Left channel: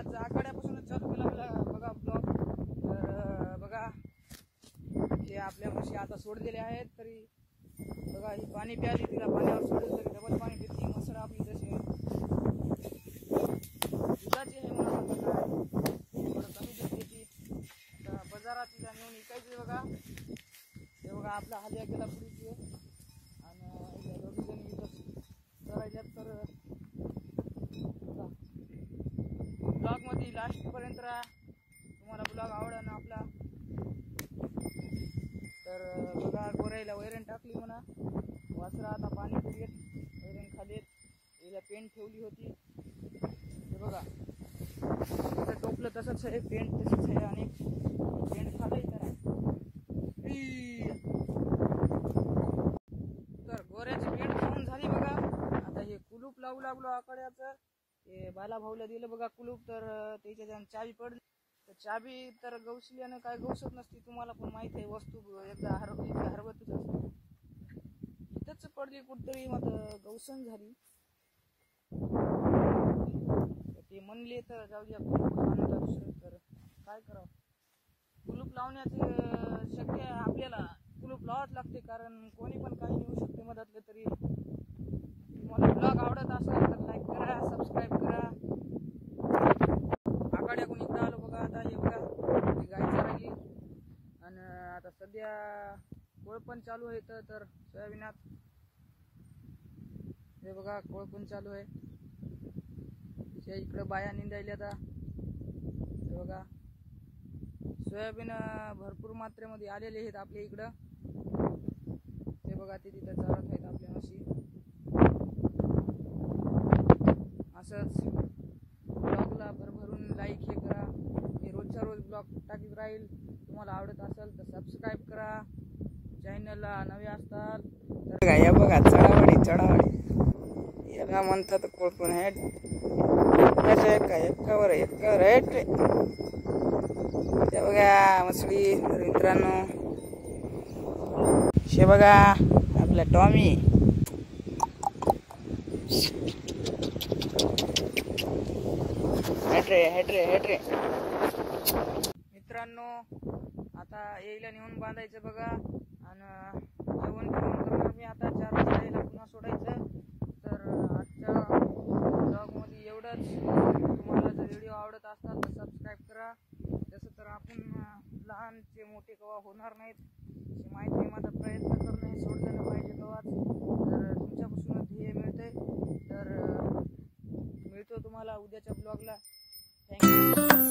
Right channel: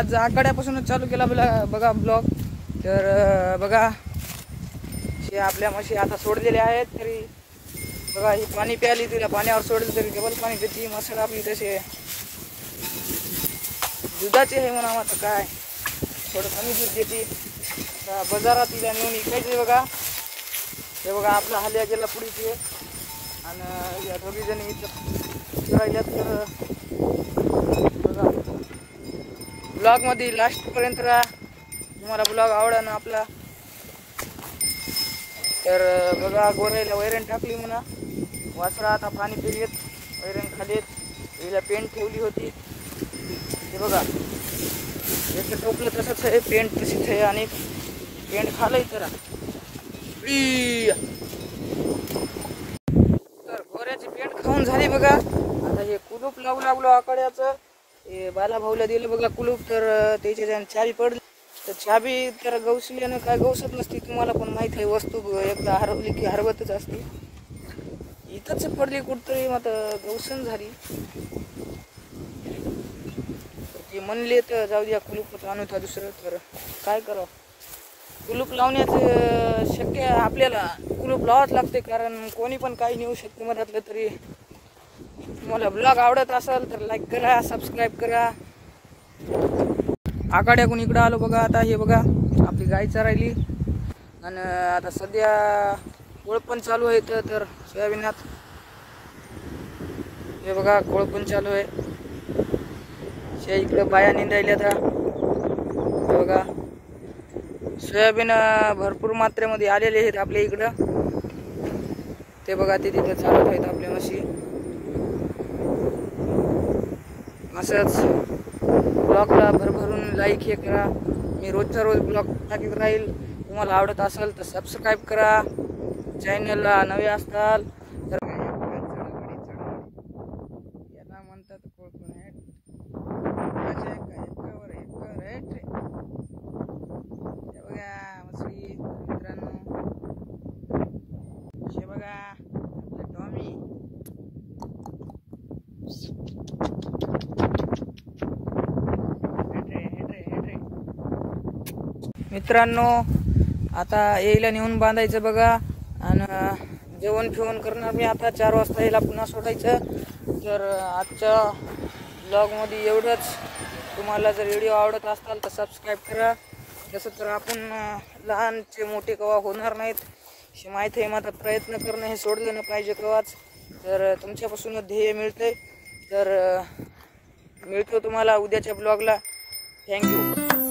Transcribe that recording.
आज आखाड्यापासूनच चालू केला बघा ब्लॉग। तर बघा हे आपल्या म्हशी आता सोडलेल्या आहेत, तरी बघा ही पाणी प्याली, तिला पाण्यावर सोडलं तरी डबल पाणी पिती। मसळ आपली तसे दुधाचे आहे म्हणा, आता काय थोडं कमी दूध देते। बाजारात तिला नेऊन विकायचे बघा। हे बघा आपला हल्या गेला पुढे आणि या दोघी जणी इथं राहिल्यात। तर बघा ब्लॉगमध्ये लास्टपर्यंत राहा, तुम्हाला ब्लॉग आवडा ना आपला। तर बघा गोऱ्याला वैरण टाकली म्हणा, वासरा आता पाणी पिलेत, वैरण खालीत, हिला पेंट ठेवली होती। हे बघा एक टोपलं तसंच आहे, पेंट तशीच आहे आणि पेंट खालंय तर गोऱ्याची पेंट खाऊन झाली बघा। आता हे कुलूप लावू लागलो आकड्याचं, हे बाला भाऊला दिलं बघा कुलूप। तर त्याची चाबी पडली, तर चाबी तर गवसल्यानं काय गवसत नसती, तुम्हाला पण माहीत आहे। वस्तू एकदा हरवली की हरवतच असते, इथंच पडली कुठतरी, मग गवसन झाली। ते म्हणले तर जाऊ द्या कुलूप आणू होता दुसरं, तर काय करावं। कुलूप लावण्याचं शक्य आपल्याला कुलूप लावाच लागते, कारण कोणी पण काही नेऊ शकते मधातलं। तरी तुम्हाला ब्लॉग आवडत असेल तर लाईक करा, सबस्क्राईब करा। आखाड्याकडून इकडं आलो बघा। आता हे बघा आपली गाय चरायली आणि आता सध्या कोळपण चालू आहे। तर सोयाबीनात हे बघा कोळपण चालू आहे, शे इकडं बाया निंदायल्या। आता हे बघा सोयाबीन भरपूर मात्रेमध्ये आलेले आहेत आपल्या इकडं। ते बघा ते तिथे चालत आहेत आपल्या म्हशी। असंच ब्लॉगला भरभरून लाईक हे करा, मी रोजचा रोज ब्लॉग टाकीत राहील। तुम्हाला आवडत असेल तर सबस्क्राईब करा, चॅनलला नवे असताल तर काय या बघा चढावाडी याला म्हणतात कोळपण आहे। एकावर हेट ते बघा मछली। तर मित्रांनो हे बघा आपला टॉमी, हेट रे मित्रांनो। आता यायला नेऊन बांधायचं बघा आणि जेवण ठेवून करणार मी आता। 4 वाजता यायला पुन्हा सोडायचं। तर आजच्या ब्लॉगमध्ये एवढंच। तुम्हाला जर व्हिडिओ आवडत असताल तर सबस्क्राईब करा। जसं तर आपण लहानचे मोठे कवा होणार नाहीत हे माहीत आहे, माझा प्रयत्न करणं हे सोडलं नाही पाहिजे कवाच। तर तुमच्यापासून ध्येय मिळते। तर मिळतो तुम्हाला उद्याच्या ब्लॉगला। थँक्यू।